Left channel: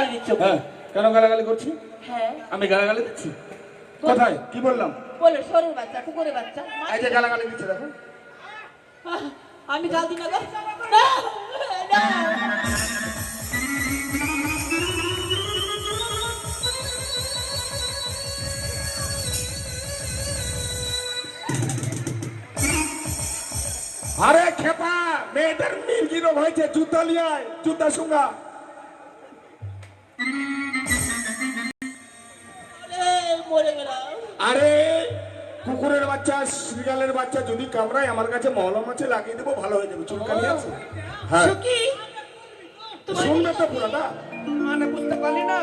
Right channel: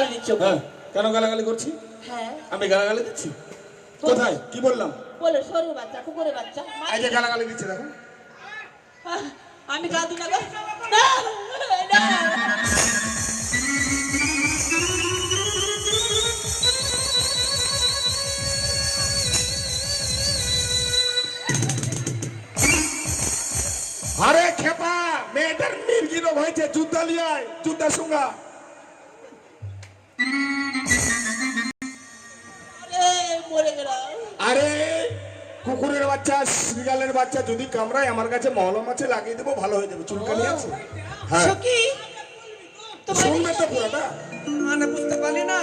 গালি দিচ্ছ? হ্যাঁ, কেন গালাগালি করছি? হ্যাঁ, আমি গালাগালি দিচ্ছি? কোথায় কি বললাম? বলে শরীর বাচ্চা, কুকুরের বাচ্চা। আজ গালাগালি দিচ্ছে দেখো। আমি গাল দিই না গো। না, না। আরে খেপা, মেয়েটার মির্গিরো হয়েছে, যুদ্ধ নিয়ে আয়, যুদ্ধ সঙ্গা। মরে গেলাম। আরে কুকুরের বাচ্চা, বিড়ালের বাচ্চা যদি কামড়ায় আমার কাছে মলম আছে, লাগিয়ে দেবো, ভালো হয়ে যাবে। চুলকানি আছে? হ্যাঁ। সখী, শুনলে তো পুরোটা। মানে বুঝতে পারলি না?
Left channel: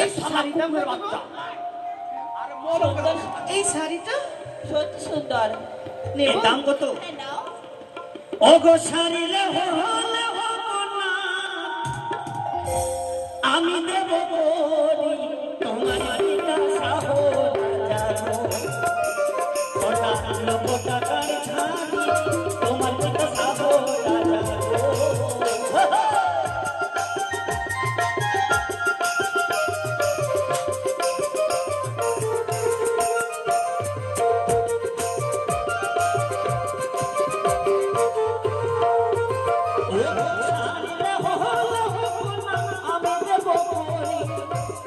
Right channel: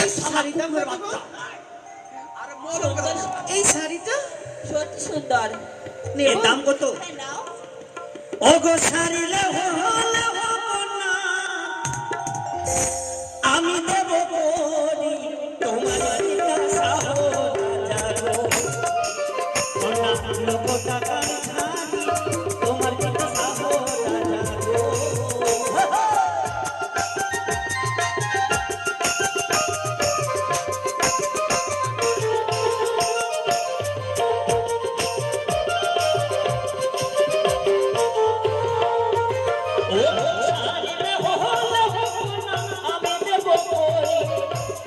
এই শাড়িটা এই শাড়িটা সত্যি সুন্দর। এর দাম কত? হ্যাঁ, নাও। ওগো শাড়িলে আমি দেব করি তোমার জিজ্ঞাসা যাবো লক্ষ টাকার শাড়ি তোমার জিজ্ঞাসা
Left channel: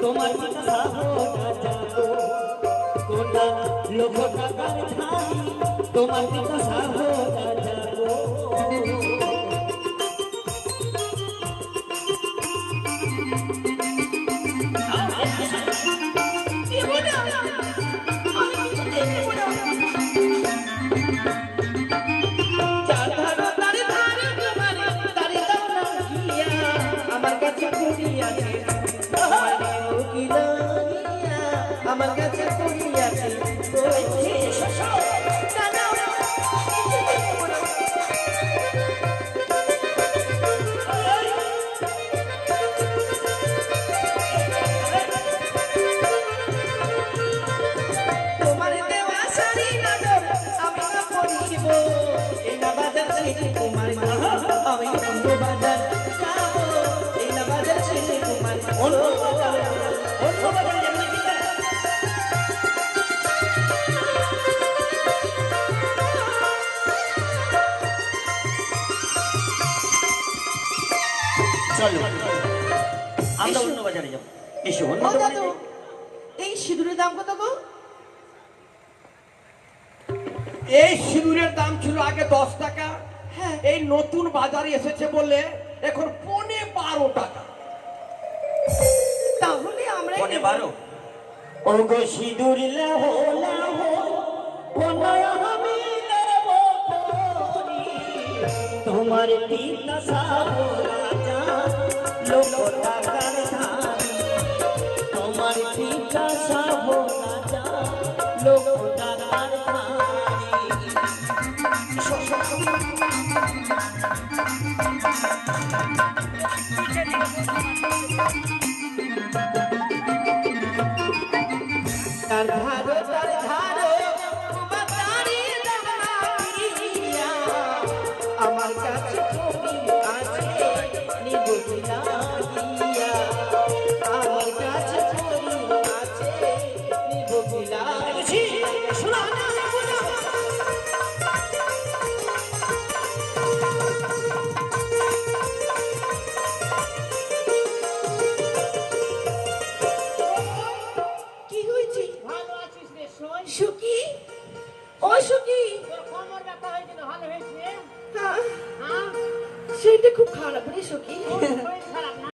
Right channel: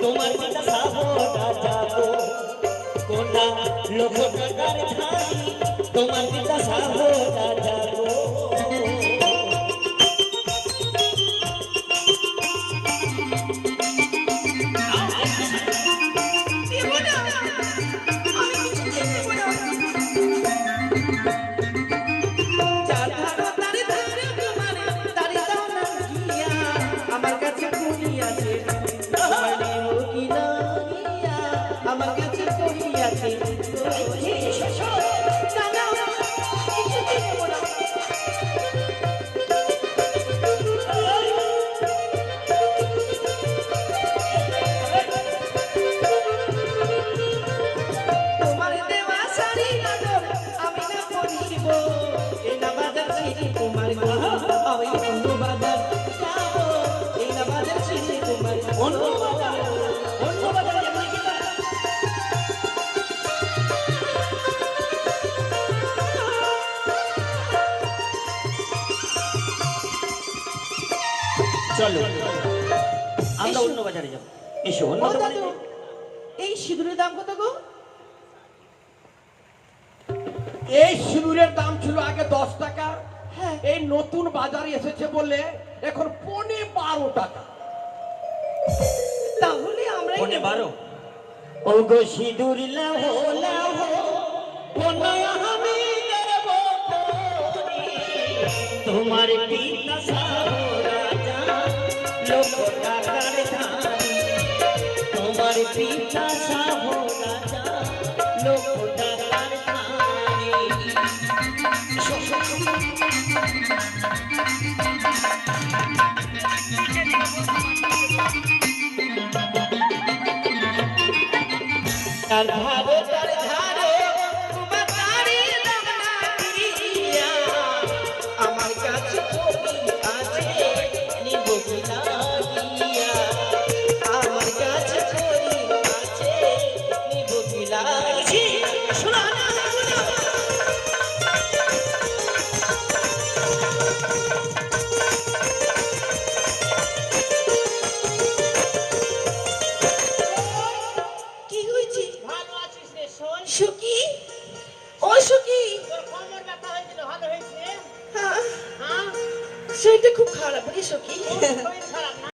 তোমার পিতা সাহরা যাবো কোনা লোক টাকার ধারি তোমার পিতা সাহরা যাবো আমার কাছে কুড়ি আছে আমার কাছে করি আছে তোমার দেওয়া শাড়ি নজর আমি না পরিব এই না বাজার ছিড়ে তোমার আমি অন্য বাজার যাবো এই না বাজার ছিড়ে তোমার অন্য বাজার চলো আমরা অন্য বাজারে যাবো। এসো অন্য দোকানে যাই। এই সিঁদুরের দাম কত গো? এই সিঁদুরের দাম ছিল আগে 10 টাকা। হ্যাঁ, এই নতুন বাজারে এসেছে বলে এখন 12 টাকা। তাহলে আমরা পনে 12 ওগো সিঁদুর লাহো লাহো পনে আমি দেব করি তোমার পিতা সাহো রাজা লোক টাকার ধারি তোমার পিতা সাহো রাজা লোক টাকার ধারি তার ধারে তোমার দাঁড়িয়ে দাঁড়িয়ে আমার কাছে ছবি আছে নিব কিনা গিয়া আমার কাছে ছবি আছে নিব কিনা শোনা না কি হয়েছে? ভালো আছিস রে সোন? সুখী, ও সুখী। তোর কোমর ব্যথা হয়েছিল, ভালো হয়েছে? হ্যাঁ, হ্যাঁ, শরীরটা খুব খারাপ রে সুখী। শরীর খারাপ না?